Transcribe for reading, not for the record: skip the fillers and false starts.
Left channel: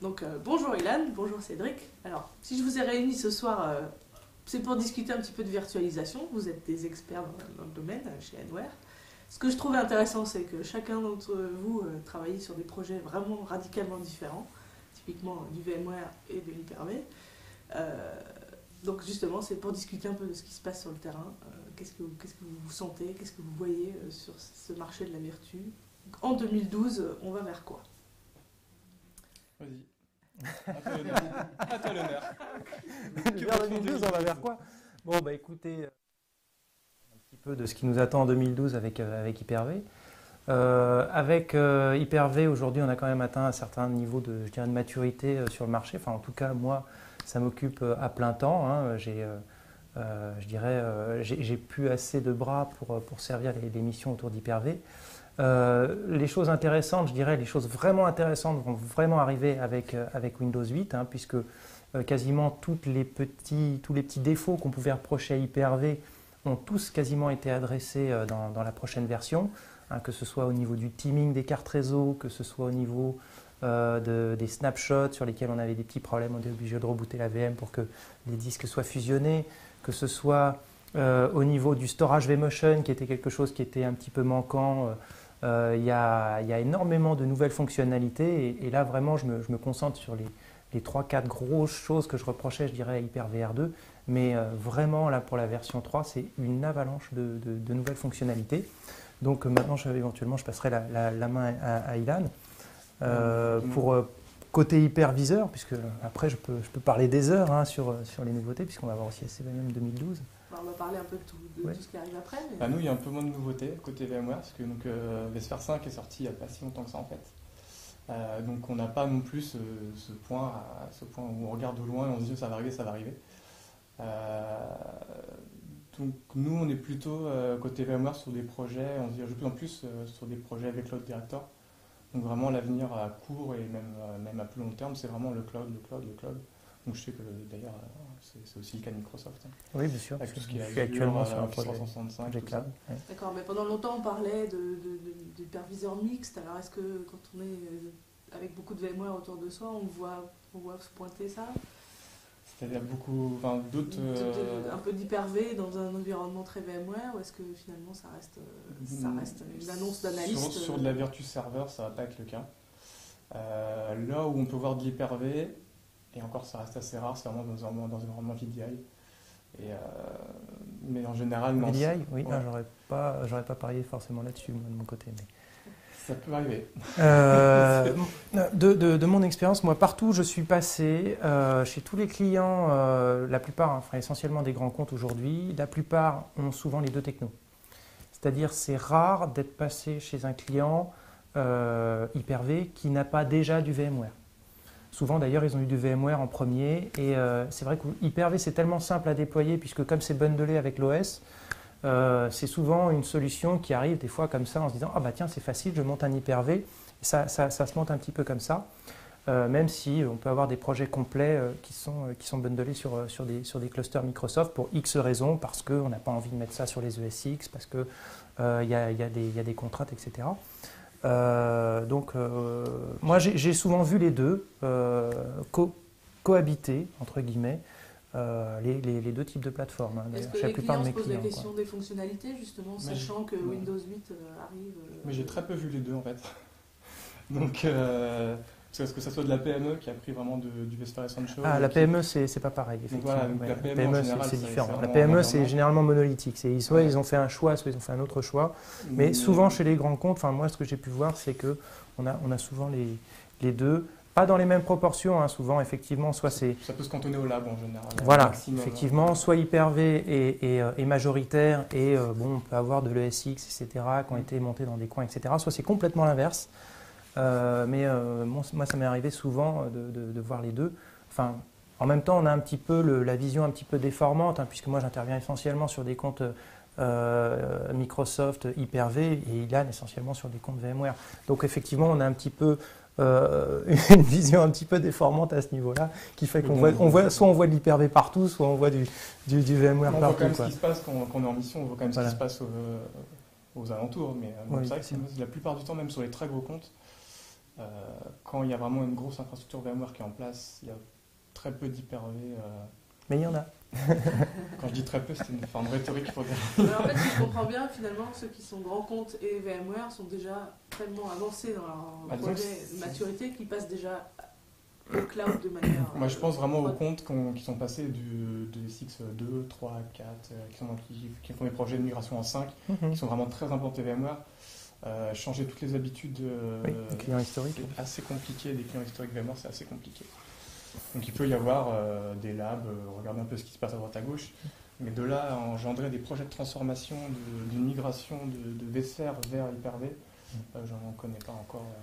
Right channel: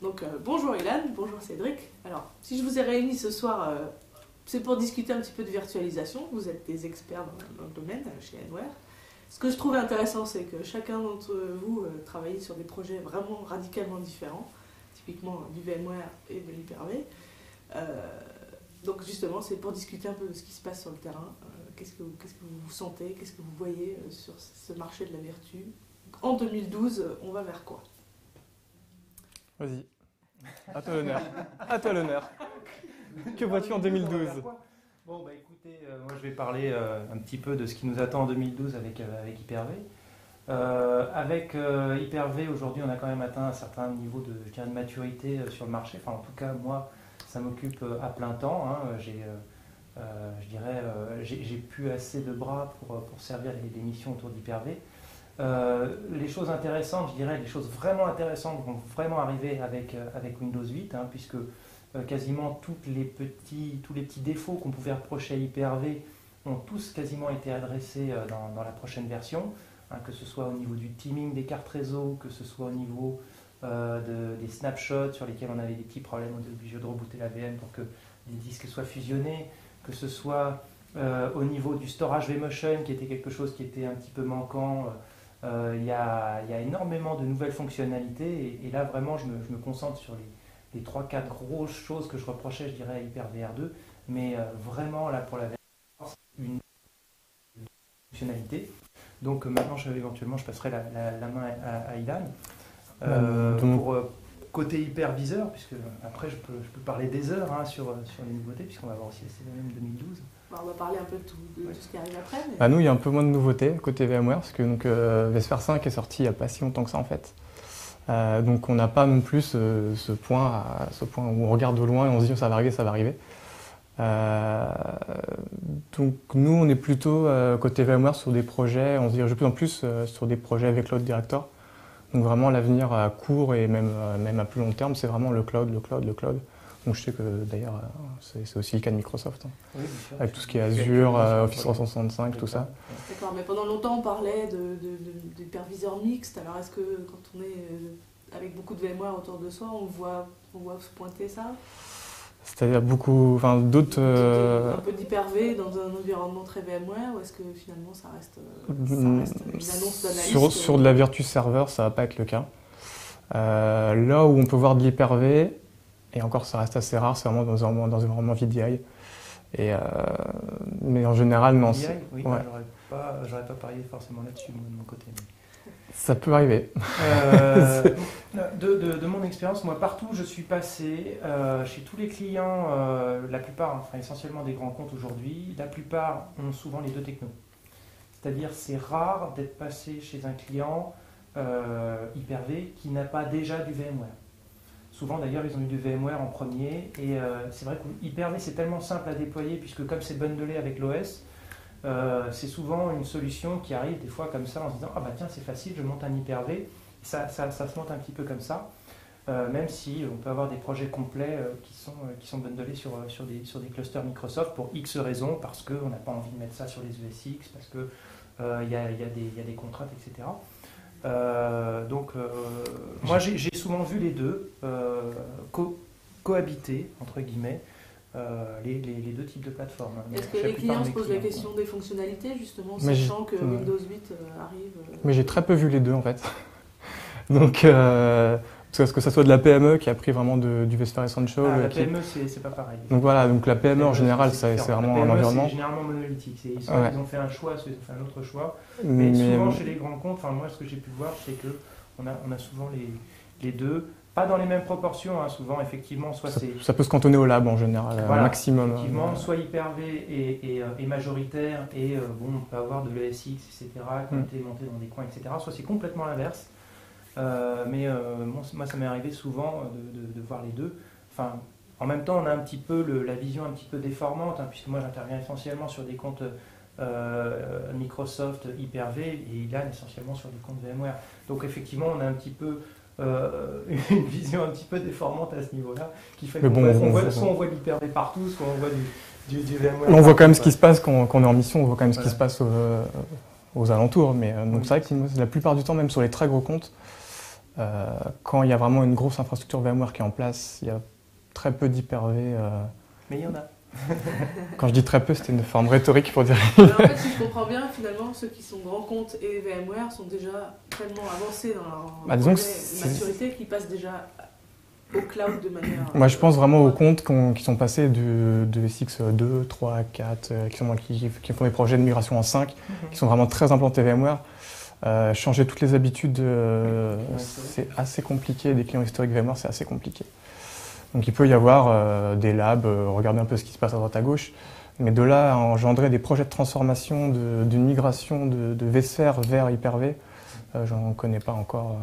Donc bonjour Ilan, bonjour Cédric. Alors si je vous ai réunis ce soir, c'est pour discuter un petit peu de virtualisation. Vous êtes des experts dans le domaine chez Anware. Ce que je trouve intéressant, c'est que chacun d'entre vous travaille sur des projets vraiment radicalement différents, typiquement du VMware et de l'Hyper-V. Donc justement, c'est pour discuter un peu de ce qui se passe sur le terrain. Qu'est-ce que vous sentez, qu'est-ce que vous voyez sur ce marché de la vertu. En 2012, on va vers quoi? Vas-y. À toi l'honneur. À toi l'honneur. Que vois-tu en 2012? Bon, bah écoutez, moi je vais parler un petit peu de ce qui nous attend en 2012 avec Hyper-V. Avec Hyper-V, aujourd'hui, on a quand même atteint un certain niveau de, je dirais, de maturité sur le marché. Enfin, en tout cas, moi, ça m'occupe à plein temps. Hein. J'ai plus assez de bras pour servir les missions autour d'Hyper-V. Les choses intéressantes, je dirais, les choses vraiment intéressantes vont vraiment arriver avec Windows 8, hein, puisque quasiment tous les petits défauts qu'on pouvait reprocher à Hyper-V ont tous quasiment été adressés dans la prochaine version, hein, que ce soit au niveau du teaming des cartes réseau, que ce soit au niveau des snapshots sur lesquels on avait des petits problèmes, on était obligé de rebooter la VM pour que les disques soient fusionnés, que ce soit au niveau du storage vMotion qui était quelque chose qui était un petit peu manquant. Il y a énormément de nouvelles fonctionnalités et là vraiment je me concentre sur les 3-4 grosses choses que je reprochais, je dirais, à Hyper-VR2, mais vraiment là pour la version 3 c'est une avalanche de nouvelles fonctionnalités. Donc maintenant éventuellement je passerai la main à Ilan pour côté hyperviseur, puisque après je peux parler des heures hein, sur les nouveautés, puisqu'on va voir aussi SCVM 2012. On va parler un peu de tout ce qui arrive après. Mais... Bah nous, il y a un peu moins de nouveautés côté VMware, parce que vSphere 5 est sorti il n'y a pas si longtemps que ça en fait. Donc on n'a pas non plus ce point où on regarde de loin et on se dit ça va arriver, ça va arriver. Donc nous, on est plutôt côté VMware sur des projets, on se dirige de plus en plus sur des projets avec Load Director. Donc vraiment l'avenir à court et même à plus long terme, c'est vraiment le cloud. Donc je sais que d'ailleurs c'est aussi le cas de Microsoft. Hein. Oui, bien sûr. Avec tout ce qui est Azure, Office 365, tout ça. D'accord, mais pendant longtemps on parlait d'hyperviseur mixte. Alors est-ce que quand on est avec beaucoup de VMware autour de soi, on voit se pointer ça? C'est-à-dire d'autres... Un peu d'Hyper-V dans un environnement très VMware, ou est-ce que finalement ça reste une annonce d'analyste sur de la Virtus Server, ça ne va pas être le cas. Là où on peut voir de l'Hyper-V, et encore ça reste assez rare, c'est vraiment dans un environnement VDI. Mais en général, non. VDI, oui, ouais. J'aurais pas parié forcément là-dessus de mon côté. Mais... Ça peut arriver. De mon expérience, moi, partout où je suis passé, chez tous les clients, la plupart, enfin essentiellement des grands comptes aujourd'hui, la plupart ont souvent les deux technos. C'est-à-dire, c'est rare d'être passé chez un client Hyper-V qui n'a pas déjà du VMware. Souvent, d'ailleurs, ils ont eu du VMware en premier. Et c'est vrai que Hyper-V, c'est tellement simple à déployer, puisque comme c'est bundlé avec l'OS, c'est souvent une solution qui arrive des fois comme ça en se disant « Ah bah tiens, c'est facile, je monte un Hyper-V ». Ça se monte un petit peu comme ça, même si on peut avoir des projets complets qui sont bundlés sur des clusters Microsoft pour X raisons, parce qu'on n'a pas envie de mettre ça sur les ESX, parce qu'il y a des contraintes, etc. Moi, j'ai souvent vu les deux cohabiter, entre guillemets, les deux types de plateformes. Est-ce que les clients se posent la question des fonctionnalités, justement, sachant que Windows 8 arrive Mais j'ai très peu vu les deux, en fait. Donc, parce que ça soit de la PME qui a pris vraiment du vSphere Essential. La PME, c'est pas pareil. Donc voilà, donc la PME en général, c'est vraiment la PME, c'est généralement monolithique. Soit ils ont fait un choix, soit ils ont fait un autre choix. Mais souvent, chez les grands comptes, enfin moi, ce que j'ai pu voir, c'est qu'on a souvent les deux. Pas dans les mêmes proportions, hein, souvent, effectivement. Soit ça peut se cantonner au lab en général, voilà, maximum. Effectivement, soit Hyper-V est majoritaire et on peut avoir de l'ESX, etc., qui ont été montés dans des coins, etc. Soit c'est complètement l'inverse. Moi, ça m'est arrivé souvent de voir les deux. Enfin, en même temps, on a un petit peu la vision un petit peu déformante, hein, puisque moi, j'interviens essentiellement sur des comptes Microsoft, Hyper-V, et Ilan essentiellement sur des comptes VMware. Donc, effectivement, on a un petit peu une vision un petit peu déformante à ce niveau-là, qui fait soit on voit de l'Hyper-V partout, soit on voit du VMware. On voit quand même ce qui se passe quand on est en mission, on voit quand même ce qui se passe aux alentours. Mais donc c'est vrai que la plupart du temps, même sur les très gros comptes, Quand il y a vraiment une grosse infrastructure VMware qui est en place, il y a très peu d'Hyper-V. Mais il y en a. Quand je dis très peu, c'était une forme rhétorique pour dire. Alors, en fait, si je comprends bien, finalement, ceux qui sont grands comptes et VMware sont déjà tellement avancés dans leur disons projet de maturité qu'ils passent déjà au cloud de manière... Moi, je pense vraiment aux comptes qui sont passés de SX 2, 3, 4, qui font des projets de migration en 5, qui sont vraiment très implantés VMware. Changer toutes les habitudes, c'est assez compliqué. Des clients historiques VMware, c'est assez compliqué. Donc il peut y avoir des labs, regarder un peu ce qui se passe à droite à gauche, mais de là à engendrer des projets de transformation, d'une migration de vSphere vers Hyper-V, j'en connais pas encore.